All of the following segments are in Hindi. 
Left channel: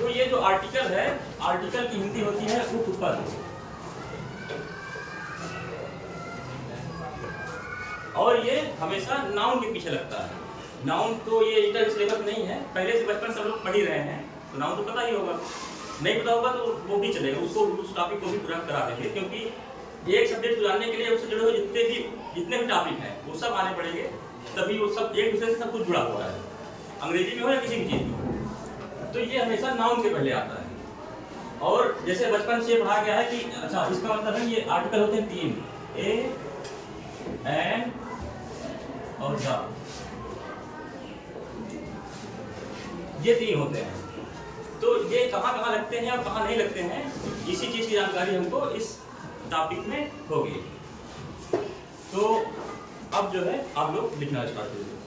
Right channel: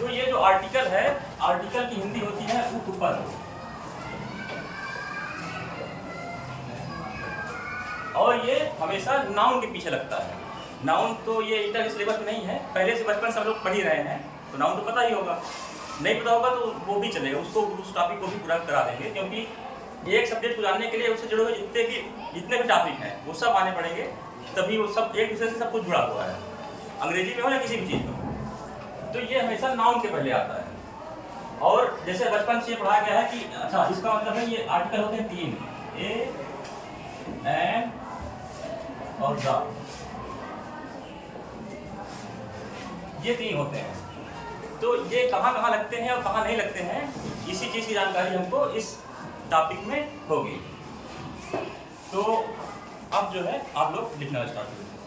तो ये जो आर्टिकल है, आर्टिकल की हिंदी होती है उपपद, और ये हमेशा नाउन के पीछे लगता है। नाउन तो ये इंटर सिलेबस में नहीं है, पहले से बचपन से हम लोग पढ़ ही रहे हैं, तो नाउन तो पता ही होगा। नहीं पता होगा तो वो भी चलेगा, उसको उस टॉपिक को भी पूरा करा देंगे, क्योंकि एक सब्जेक्ट को जानने के लिए उससे जुड़े हुए जितने भी टॉपिक हैं वो सब आने पड़ेंगे, तभी वो सब एक दूसरे से सब कुछ जुड़ा हुआ है, अंग्रेजी में हो या किसी भी चीज़ में। तो ये हमेशा नाउन के पहले आता है। और जैसे बचपन से पढ़ा गया है कि अच्छा इसका मतलब है ये आर्टिकल होते हैं 3, ए, एन और द, ये 3 होते हैं। तो ये कहाँ कहाँ लगते हैं और कहाँ नहीं लगते हैं, इसी चीज़ की जानकारी हमको इस टॉपिक में होगी। तो अब जो है आप लोग लिखना स्टार्ट करिए।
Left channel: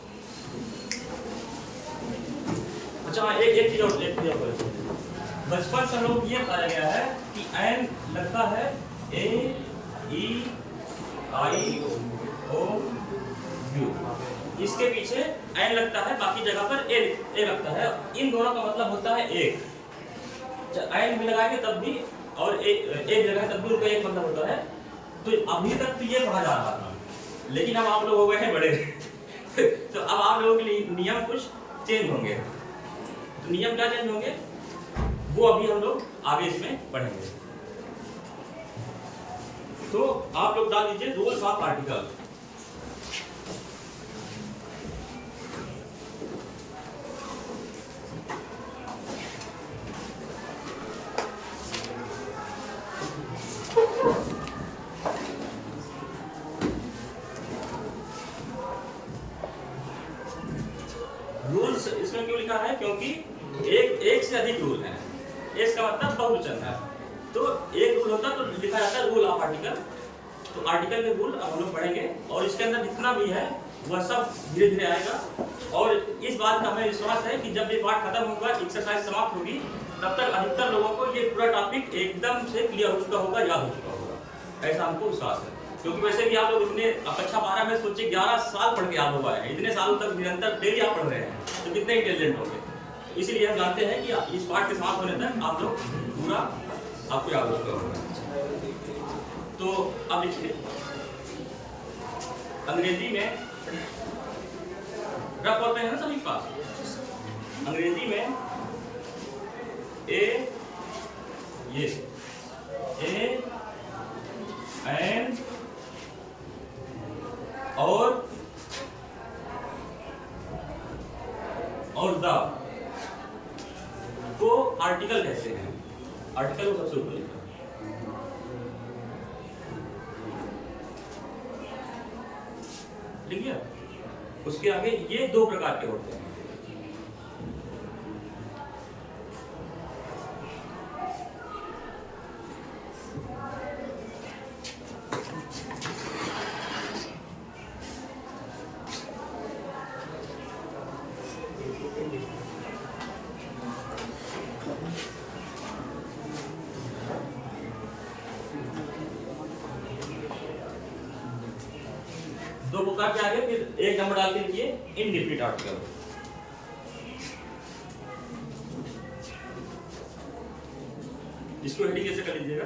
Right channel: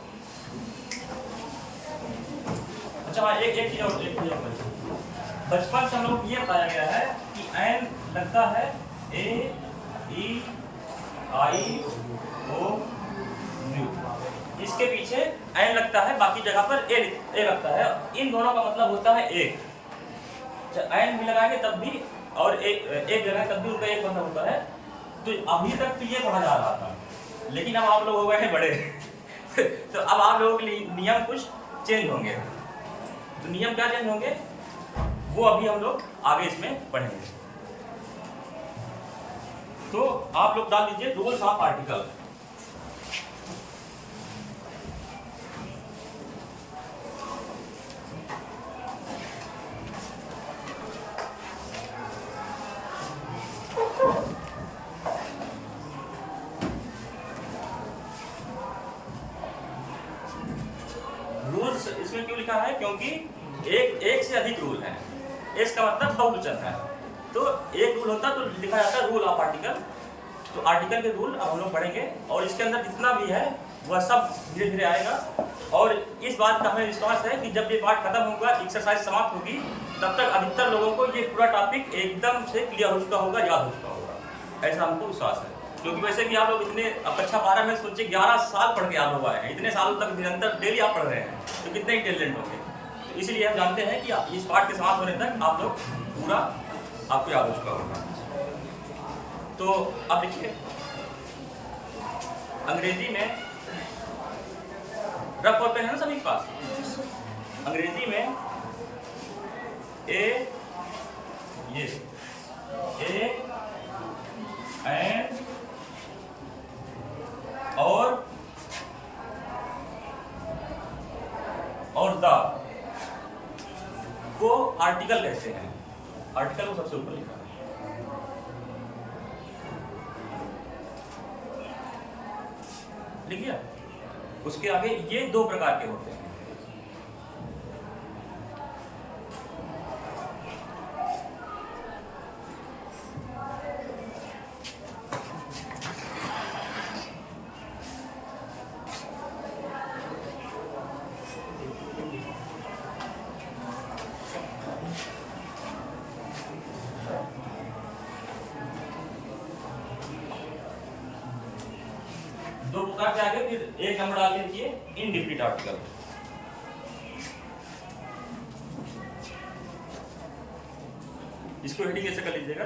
अच्छा एक चीज़ और बचपन से हम लोग ये बताया गया है कि एन लगता है ए, ई, आई, ओ, यू, इसके पीछे एन लगता है, बाकी जगह पर ए लगता है। इन दोनों का मतलब होता है एक, एन भी लगाएंगे तब भी और एक लगाए तब भी उनका एक मतलब होता है। तो अभी तक तो ये पढ़ा जा रहा था, लेकिन अब आप लोग हो गए हैं बड़े तो अब आप लोगों के लिए नियम कुछ चेंज होंगे। तो नियम क्या चेंज होंगे वो अभी हम लोग आगे इसमें पढ़ेंगे। तो आप लोग डाल दीजिए रूल्स ऑफ आर्टिकल। रूल्स इसमें क्यों लिखा है, क्योंकि एक से अधिक रूल हैं, इसका मतलब बहुवचन है। तो एक रूल होता तो लिखा जाता है रूल ऑफ आर्टिकल। तो आर्टिकल के रूल अब हम लोग पढ़ेंगे, और इसके अंदर जितना भी है वह सब धीरे धीरे आएगा। और इस बात का हमें विश्वास है कि जब ये पाठ खत्म होगा, एक्सरसाइज समाप्त होगी, तब तक अधिकतर लोगों को ये पूरा टॉपिक एकदम से क्लियर हो चुका होगा, याद हो चुका होगा, ऐसा हमको विश्वास है। क्योंकि वैसे भी आप लोग इतने कक्षा 12 में सोचिए 11 साल पढ़ के आप लोग आए हैं, इतने सालों तक निरंतर डेली आप पढ़ रहे हैं, तो कितने इंटेलिजेंट होंगे। तो इसलिए हम जानते हैं कि इस पाठ के समाप्त होने तक आप लोग पूरा आपको याद हो चुका होगा। तो अब लिखिए अंग्रेजी में रफ और पेन है ना सभी के पास। अंग्रेजी में ए, ये ए, एन और द को आर्टिकल कहते हैं। आर्टिकल को सबसे ऊपर लिखा है। लिख लिया। उसके आगे ये 2 प्रकार के होते हैं। दो प्रकार के आगे फिर एक नंबर डाल के लिखिए इनडिफिनिट आर्टिकल। इसको हेडिंग ऐसे कर लीजिएगा।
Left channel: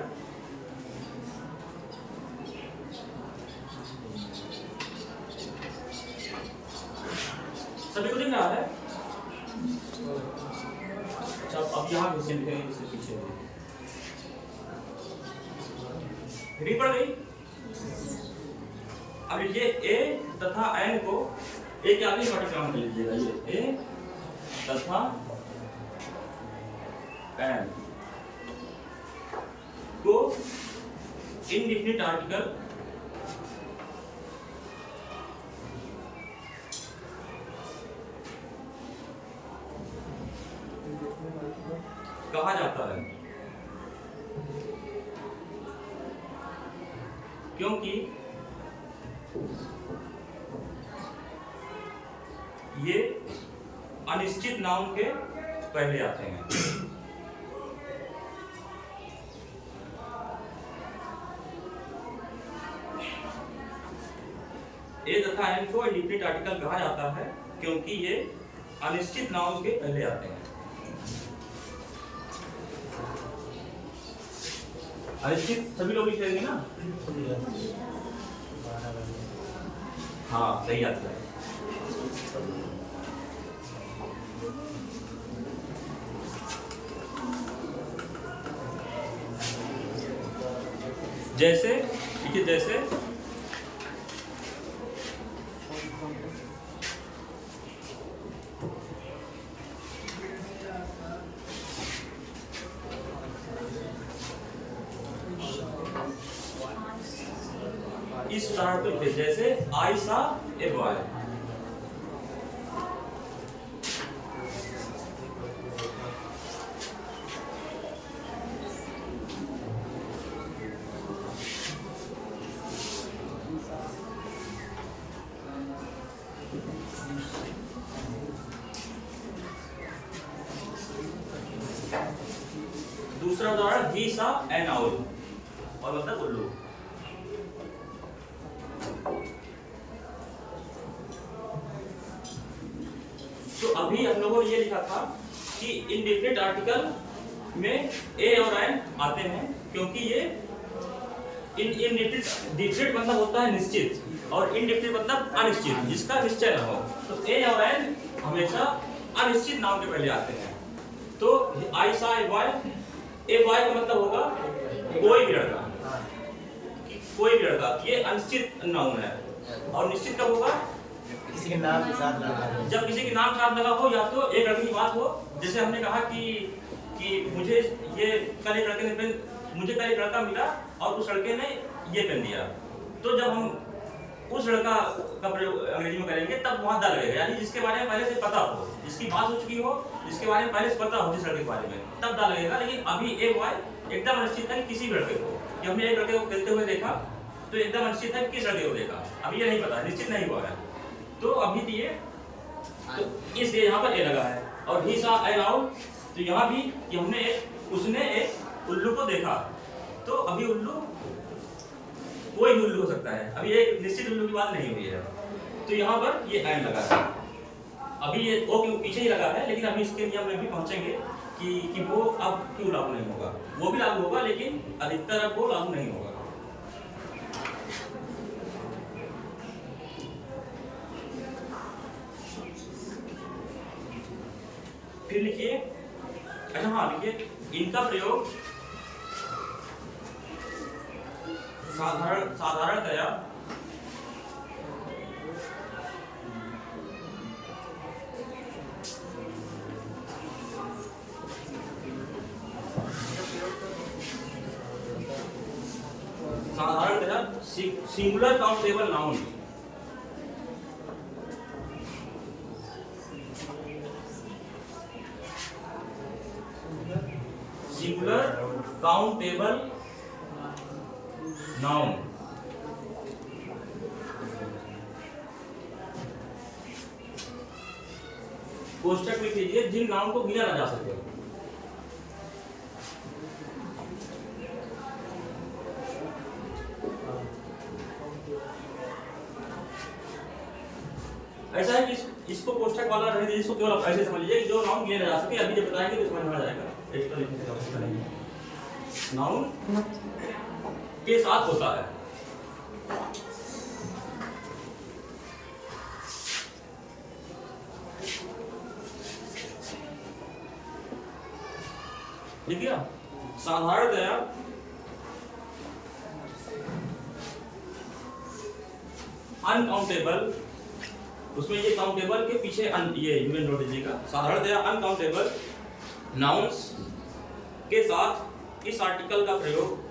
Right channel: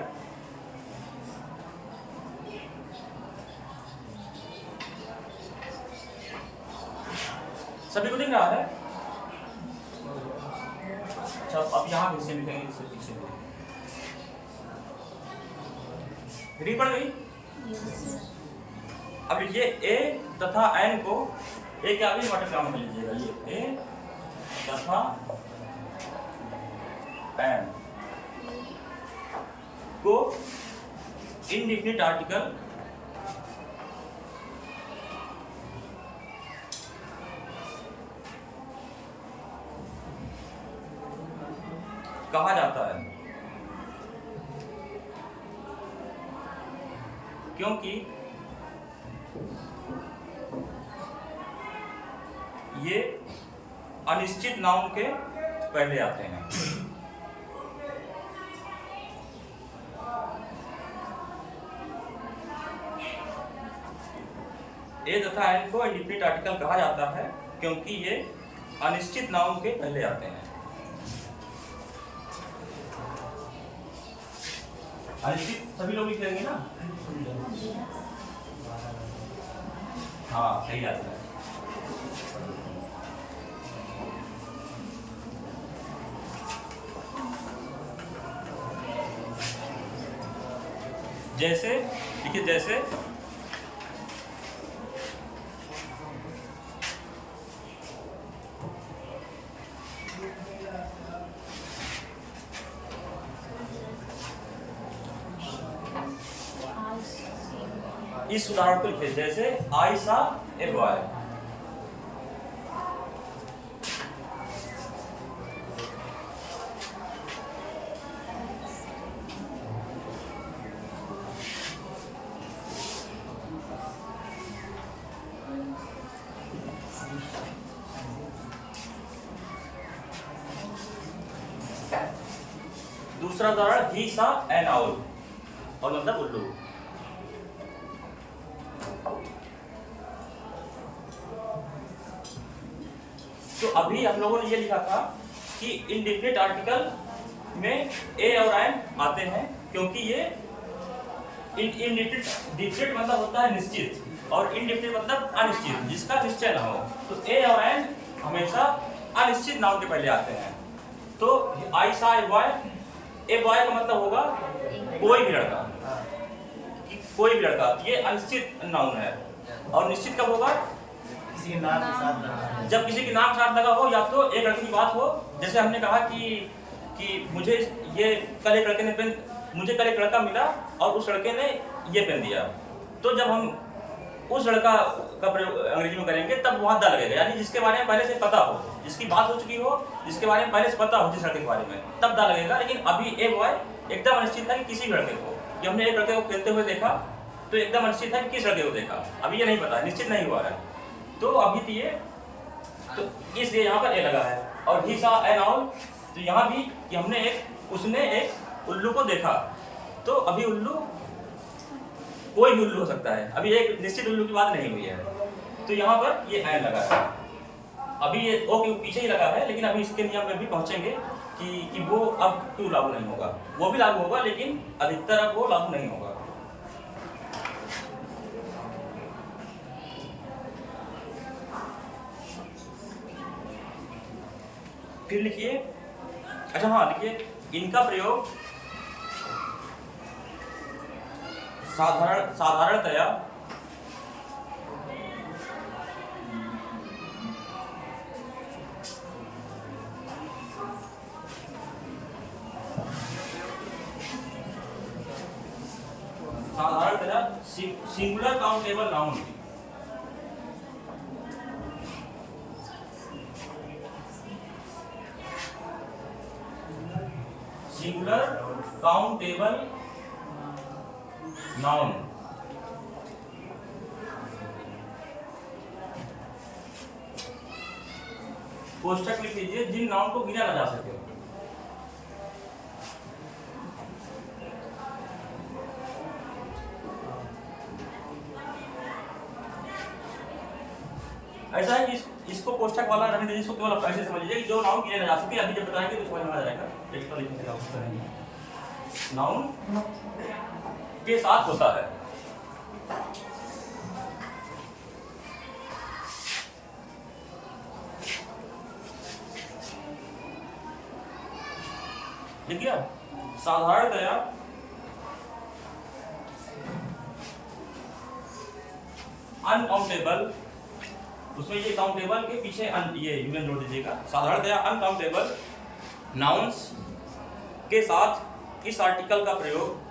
सभी को दिख रहा है? अच्छा अब यहाँ भी से लिखेंगे, इससे पीछे हेडिंग पड़ गई। अब लिखिए ए तथा एन को ए के आगे वाटर काम कर लीजिएगा। ये ए तथा एन को इनडिफिनिट आर्टिकल कहा जाता है, क्योंकि ये अनिश्चित नाउन के पहले आते हैं। ए तथा एन को इंडिफिनिट आर्टिकल कहा जाता है क्योंकि ये अनिश्चित नाउन के पहले आते हैं। अनिश्चित सभी लोग लिखेंगे ना। हाँ सही आता है। जैसे देखिए, जैसे इस उदाहरण को लिखिए, जैसे आई सा ए बॉय। दूसरा उदाहरण ही सा एन आउल, और मतलब उल्लू। तो अभी हम लोगों ने ये लिखा था कि इनडिफिनिट आर्टिकल में ए और एन आते हैं, क्योंकि ये डिफिनिट मतलब होता है निश्चित, और इनडिफिनिट मतलब अनिश्चित, जिसका निश्चय न हो। तो ए और एन हमेशा अनिश्चित नाउन के पहले आते हैं। तो आई सा ए बॉय, ए बॉय का मतलब होगा कोई भी लड़का, कोई भी लड़का, ये अनिश्चित नाउन है। और निश्चित कब होगा? किसी के नाम के साथ, जब किसी के नाम के साथ लगा हो, या तो एक लड़के की बात हो, जैसे हमने कहा कि मुझे ये कल एक लड़के ने पेन, मुझे कल एक लड़का मिला और उस लड़के ने ये पेन दिया। तो जब हम उस लड़का का प्रयोग अंग्रेजी में करेंगे तब वहाँ दा लगेगा, यानी जिसके बारे में पहले से पता हो, जिसकी बात हो चुकी हो, जिसके बारे में पहले से पता हो जिस लड़के के बारे में, तब दा लगेगा। लेकिन अभी ए बॉय एकदम अनिश्चित है कि किसी भी लड़के को, कि हमने एक लड़के को खेलते हुए देखा तो एकदम अनिश्चित है कि किस लड़के को देखा, अभी ये नहीं पता, निश्चित नहीं हुआ है। तो अभी तो ये, तो इसलिए यहाँ पर ए लगा है। और ही सा एन आउल, तो यहाँ भी कि हमने एक, उसने एक उल्लू को देखा। तो अभी उल्लू कोई भी उल्लू हो सकता है, अभी एक निश्चित उल्लू की बात नहीं हुई है। तो यहाँ पर ये एन लगा है। अभी ये ओ के पीछे ही लगा है, लेकिन अभी इसके नियम में भी पहुंचेंगे कि वो अब क्यों लागू नहीं होगा। वो भी लागू होगा, लेकिन अधिकतर अब वो लागू नहीं होगा। फिर लिखिए, अच्छा हाँ लिखिए, इनका प्रयोग साधारणतया singular countable noun, singular countable noun, कोष्ठक लिख लीजिए, जिन नाउन को गिना ना जा सके। ऐसा है कि इसको कोष्ठक वाला रहने दीजिए, इसको केवल आप ऐसे समझ लीजिए कि जो नाउन गिने ना जा सके। अभी जब बताएंगे तो समझ में आ जाएगा। इस पर लिखने की आवश्यकता नहीं है। नाउन के साथ होता है, लिख लिया। साधारणतया अनकाउंटेबल, उसमें ये काउंटेबल के पीछे ये यूएन जोड़ दीजिएगा। साधारणतया अनकाउंटेबल नाउन्स के साथ इस आर्टिकल का प्रयोग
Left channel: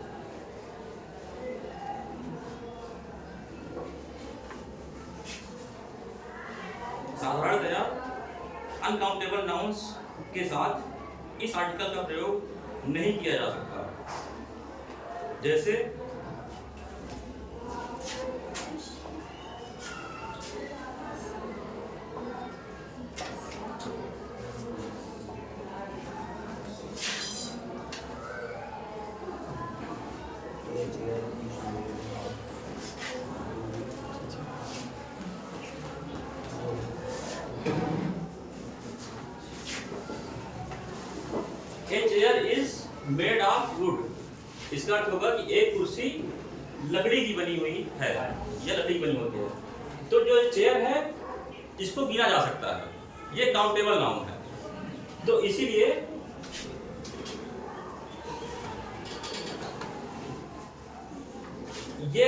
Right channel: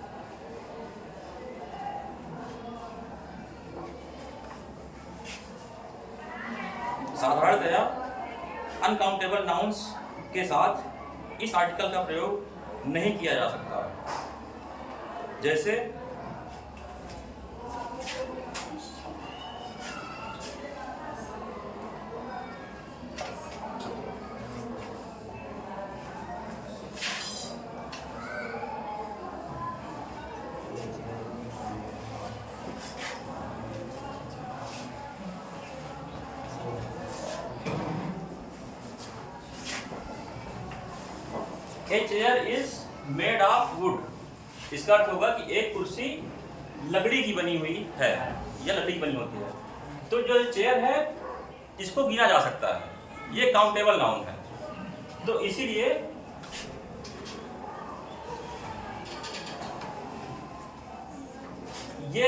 साधारणतया अनकाउंटेबल नाउन्स के साथ इस आर्टिकल का प्रयोग नहीं किया जा सकता। जैसे A chair is made of would, इसका अर्थ होगा कि एक कुर्सी लकड़ी की बनी हुई है या लकड़ी की बनी होती है। तो जो चेयर है इसको गिना जा सकता है, ये काउंटेबल नाउन है। तो इसीलिए ये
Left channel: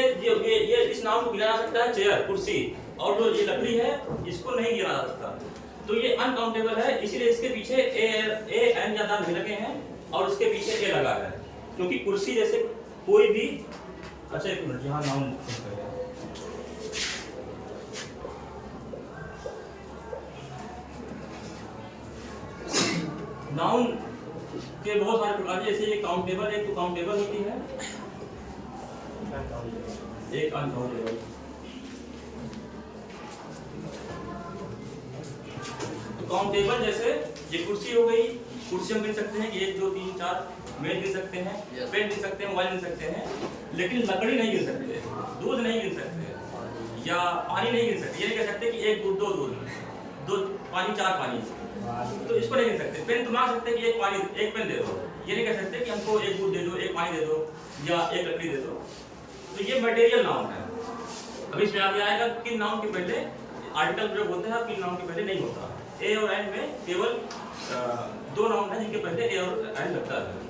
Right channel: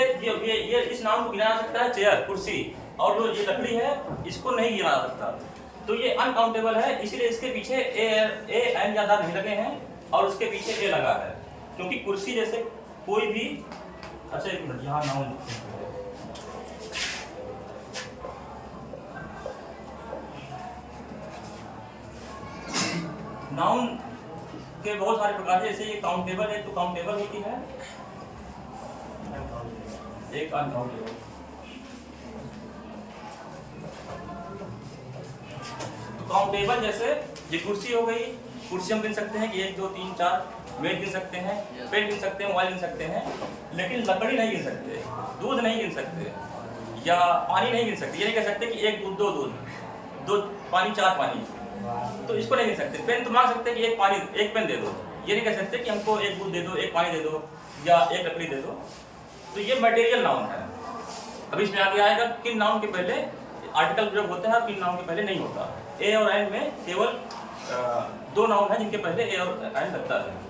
इस नाउन को गिना जा सकता है, चेयर कुर्सी, और जो ये लकड़ी है इसको नहीं गिना जा सकता। तो ये अनकाउंटेबल है, इसीलिए इसके पीछे ए एन या दा नहीं लगे हैं और इसके पीछे ए लगा है, क्योंकि कुर्सी जैसे कोई भी। अच्छा एक मिनट, यहाँ नाउन चेक कर लें। नाउन के बहुत सारे प्रकार हैं, जैसे ये काउंटेबल है, तो काउंटेबल होती है, एक अनकाउंटेबल। तो काउंटेबल जैसे ये कुर्सी हो गई, कुर्सी हम गिन सकते हैं कि 1 2 3 4, मेज गिन सकते हैं, पेन गिन सकते हैं, मोबाइल गिन सकते हैं, लेकिन लकड़ी नहीं गिन सकते, दूध नहीं गिन सकते, या पानी नहीं गिन सकते। ये नहीं कह सकते कि 1 दूध 2 दूध, 2 पानी 4 पानी, तो इसको नहीं गिन सकते। पेन तो मांग सकते हैं कि एक पेन दे दो, ये नहीं कह सकते कि हमको 1 दूध दे दो, 1 पानी दे दो, या 1 लकड़ी दे दो। तो ये मटेरियल नाउन है। अभी इसमें आगे आएगा किन नाउन के पहले आर्टिकल प्रयोग होता है, किन नाउन के पहले नहीं होता। ए और एन में केवल 2 नाउन है जिनके पहले ए और एन लगता है।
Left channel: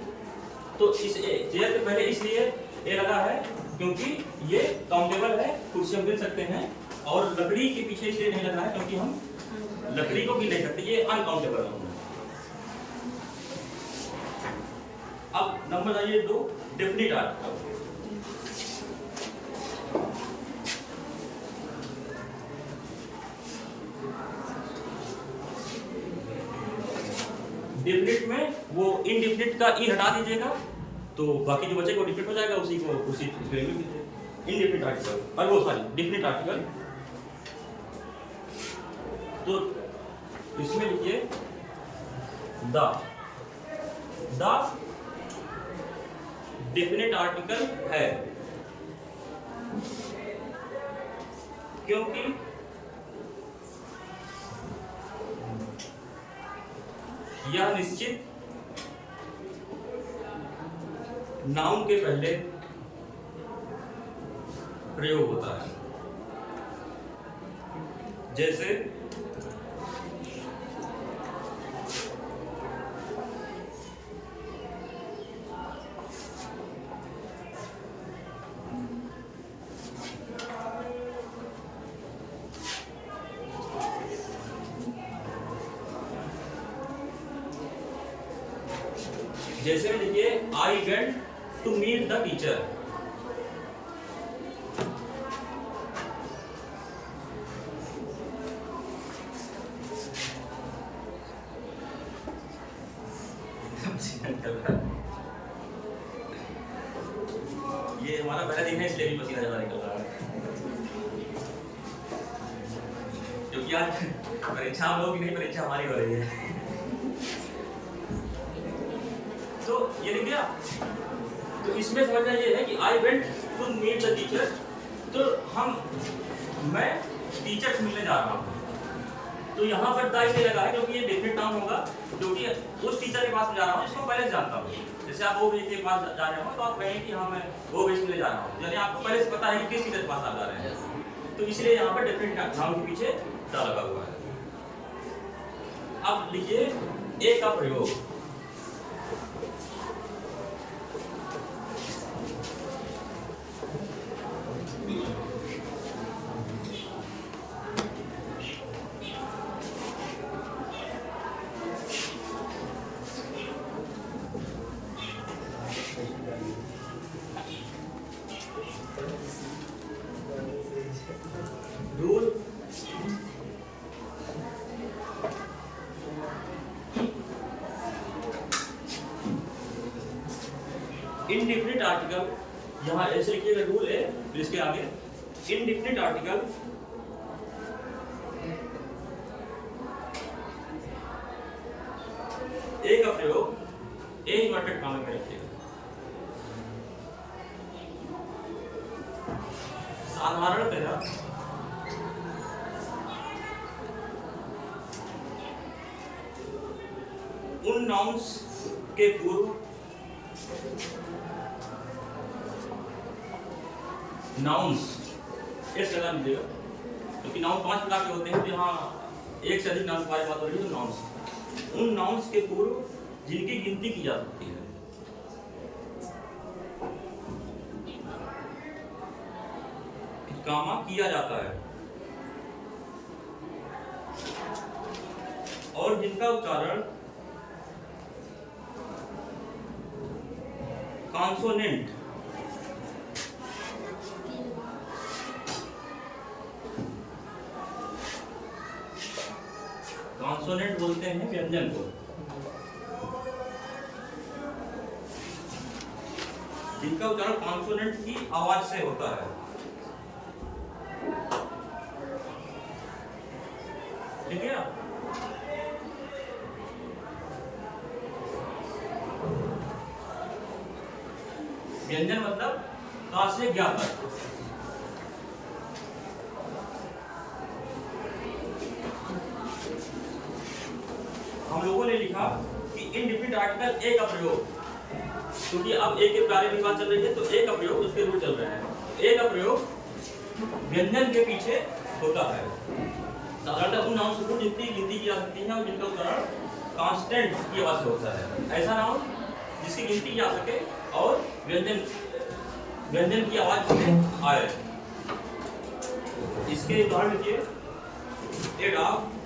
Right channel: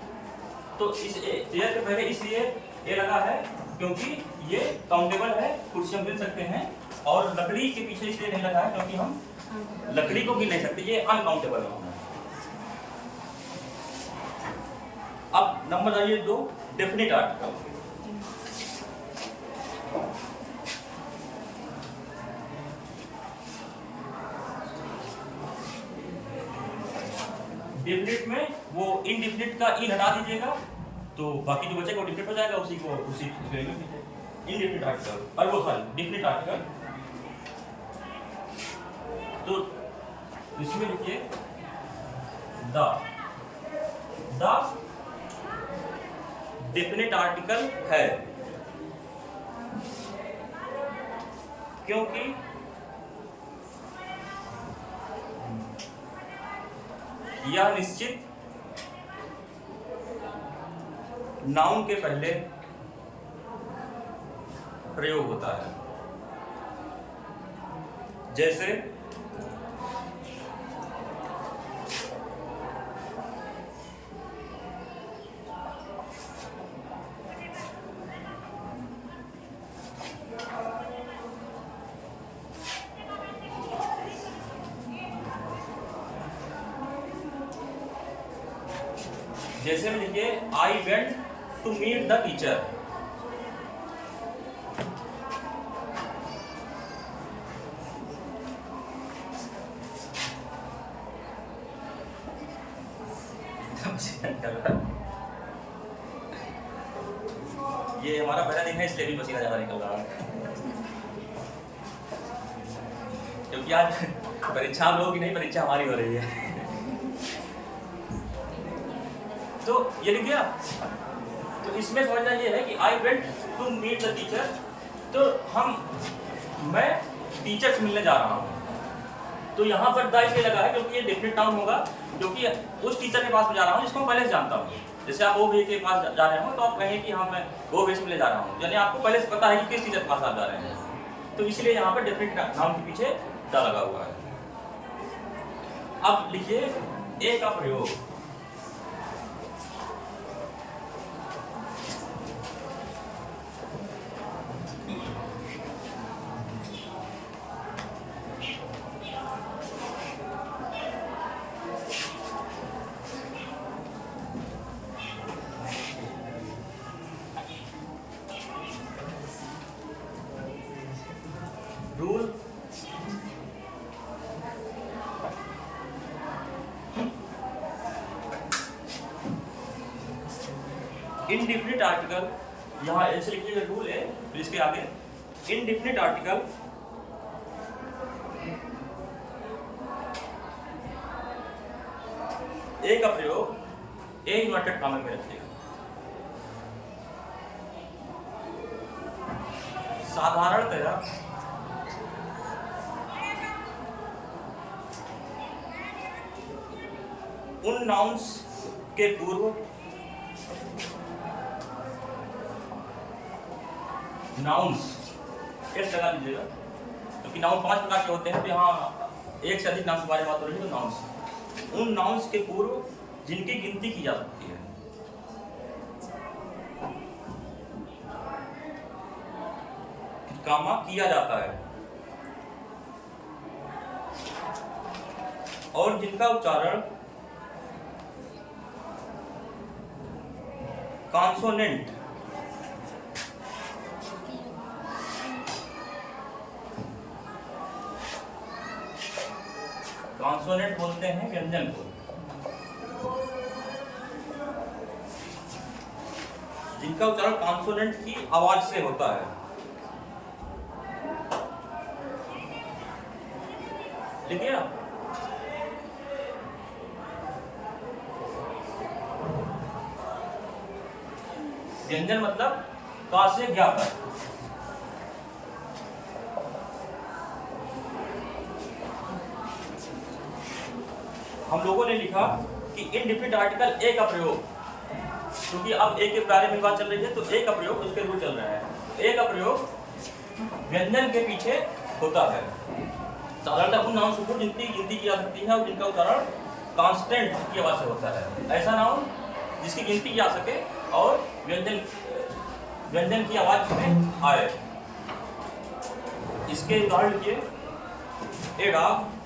तो इस चेयर के पहले इसलिए ए लगा है क्योंकि ये काउंटेबल है, कुर्सी हम गिन सकते हैं, और लकड़ी के पीछे इसलिए नहीं लगा है क्योंकि हम लकड़ी को गिन नहीं सकते, ये अनकाउंटेबल नाउन है। अब नंबर आइए 2, डेफिनिट आर्टिकल। डेफिनिट में वो इनडेफिनिट का इन हटा दीजिएगा, तो बाकी जो बचेगा वो डेफिनिट हो जाएगा, उसी को उसी में लिख दीजिए। इनडेफिनिट आर्टिकल, और वो सॉरी डेफिनिट आर्टिकल, तो इसमें लिखिए द डेफिनिट आर्टिकल है, क्योंकि यह निश्चित नाउन के पहले प्रयोग होता है। जैसे जैसे में देखिए I went to meet the teacher, ये हमारा पहला दिन है इसलिए भी पसीना ज्यादा निकल रहा है, क्योंकि आज परीक्षा हम लोगों की नहीं, परीक्षा हमारी हो रही है। तो ये लिख दिया। तो इसमें समझना ये है कि I went to meet the teacher, तो मैं टीचर से मिलने जा रहा हूँ। तो यहाँ पर द इसलिए लगा है क्योंकि ये डेफिनिट नाउन होगा, क्योंकि उस टीचर के पास में जा रहा हूँ जिसको मैं पहले से जानता हूँ। जैसे आप ओ के पास जा रहे हो तो आप कहें कि हाँ मैं ओ से मिलने जा रहा हूँ, यानी आपको पहले से पता है कि किस टीचर के पास आप जा रहे हैं। तो इसलिए यहाँ पर डेफिनिट नाउन के पीछे द लगा हुआ है। अब लिखिए ए का प्रयोग। रूल इनडिफिनिट आर्टिकल, यहाँ ऐसे लिखिएगा रूल है, फिर इसके आगे इनडिफिनिट आर्टिकल ए का प्रयोग ए इन्वर्टेड कॉमा में रखिएगा। साधारणतया उन नाउन्स के पूर्व नाउन्स एस लगा लीजिएगा, क्योंकि नाउन 5 प्रकार के होते हैं, तो यहाँ एक से अधिक नाउन के बारे में बात हो रही है। तो नाउन्स, उन नाउन्स के पूर्व जिनकी गिनती की जा सकती है। कामा किया जाता है और जिनका उच्चारण कॉन्सोनेंट कॉन्सोनेंट बोलते हैं व्यंजन को, जिनका उच्चारण कॉन्सोनेंट की आवाज से होता है। लिखिए आप, व्यंजन मतलब का से ज्ञा तक। हम लोगों ने लिखा कि इनडिफिनिट आर्टिकल ए का प्रयोग, क्योंकि अब ए के बारे में बात चल रही है, तो ए का प्रयोग इस पर भी चल रहा है। ए का प्रयोग व्यंजन के पीछे होता है। साधारणतः उन नाउन से जितनी गिनती की जा सकती है और जिनका उच्चारण कांस्टेंट की आवाज से होता है। ऐसा नाउन जिसकी गिनती की जा सके और व्यंजन की आवाज में आए। इसके उदाहरण लिखिए, a dog,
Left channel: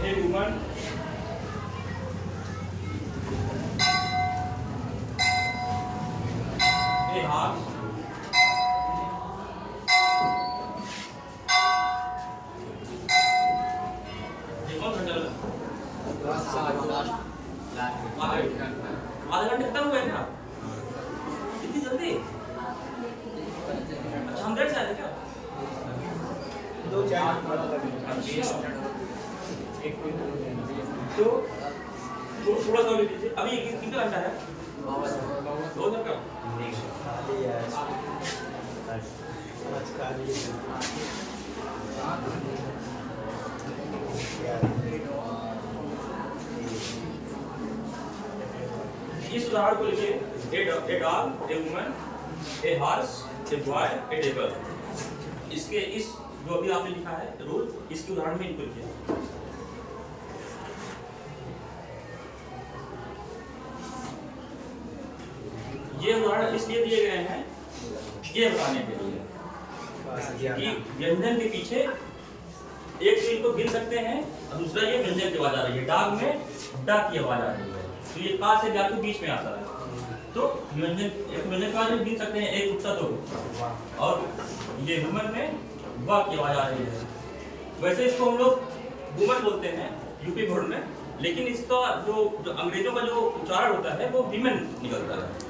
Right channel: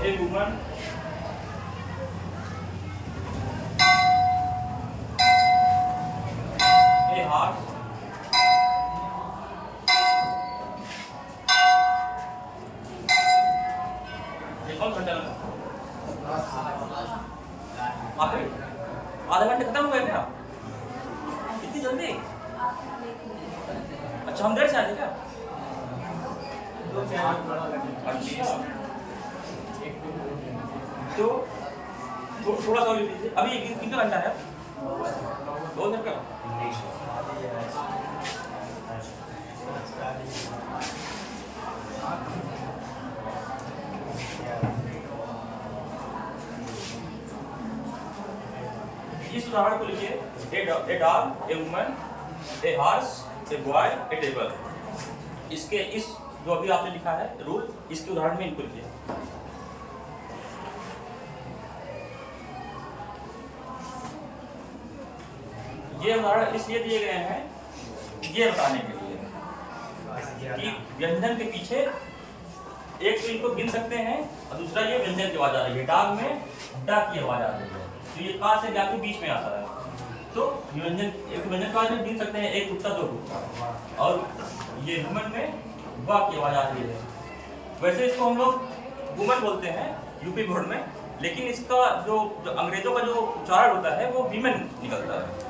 a woman, a horse, ये कौन घंटा लगा? आधा घंटे खत्म हो गया क्या? इतनी जल्दी? अच्छा, हम देर से आए क्या? अच्छा, तो थोड़ा सा लिख लीजिए। अभी कितना घंटा है? 2 घंटा। इस उदाहरण को लिखिए, a dog, a woman, a horse, a boy, A table. इसके इस जो अभी आपने लिखा है रूल, इसके उदाहरण में इनको लिखिए। ये उदाहरण इसलिए दिए गए हैं ये बताने के लिए कि व्यंजन के पीछे एक तो इनको गिन सकते हैं और दूसरा ये व्यंजन की आवाज आ रही है। डाग में डा की आवाज आ रही है, तो ये का से जा के बीच में आता है, तो व्यंजन एक व्यंजन की आवाज में गिन सकते हैं, एक गुच्छा दो गुच्छा, और ये वुमन में वा की आवाज आ रही है। वैसे इसको हम लोग वुमन बोलते हैं यूपी बोर्ड में, लेकिन इसका जो अंग्रेजों का जो उच्चारण होता है वो विमेन निकलता है।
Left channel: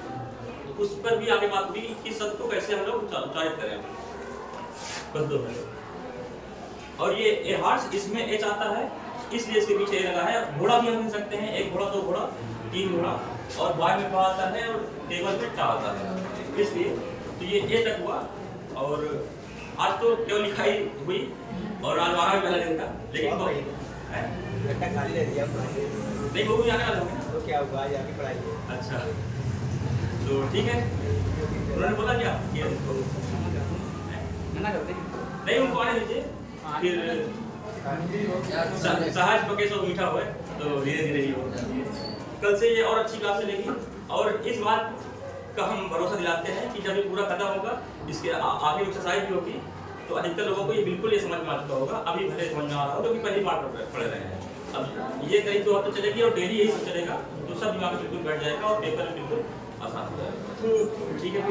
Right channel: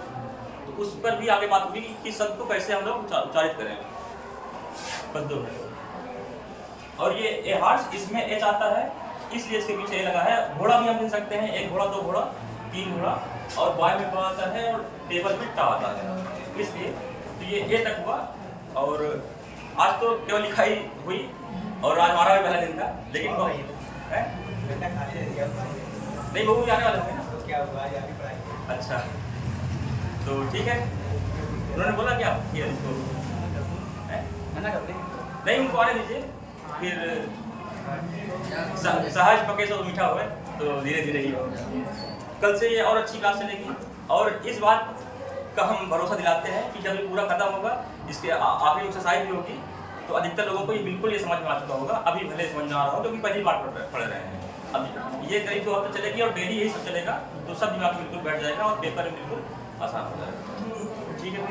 तो उस पर भी आगे बात होगी कि शब्द को कैसे हम लोग उच्चारित करें पदों में। और ये ए हॉर्स, इसमें एच आता है इसलिए इसके पीछे ए लगा है। घोड़ा भी हम गिन सकते हैं, 1 घोड़ा 2 घोड़ा 3 घोड़ा, और बॉय में बा आता है और टेबल में टा आता है, इसलिए तो ये ए तक हुआ। और आज तो केवल लिखाई हुई और आज हमारा भी पहला दिन था, लेकिन नहीं वो भी आने वाला है ना, तो क्या होगा आगे पढ़ाई। अच्छा तो ठीक है। उन्होंने बोला क्या कि उसको मना करते हैं, नहीं, उनको आने दीजिए, फिर सहज पके तो मीठा हुए, तो धीरे धीरे ही होगा। कल से ये और अच्छी क्लास चलेगी, और इस बात का हम भरोसा दिलाते हैं कि जब ये पूरा खत्म होगा, इसके आगे एक्सरसाइज भी होगी, तो अधिकतर लोगों को ये बिल्कुल ये समझ में आ चुका होगा। अभी भले समझ में आ रहा हो क्योंकि पहली बार पढ़ रहे हैं। अब ये करीब 2 हफ्ते चलेगी और डेली यही सब चलेगा, तो सब दिमाग में बिल्कुल बैठ जाएगा और पेपर में बिल्कुल आसान हो जाएगा। ठीक है।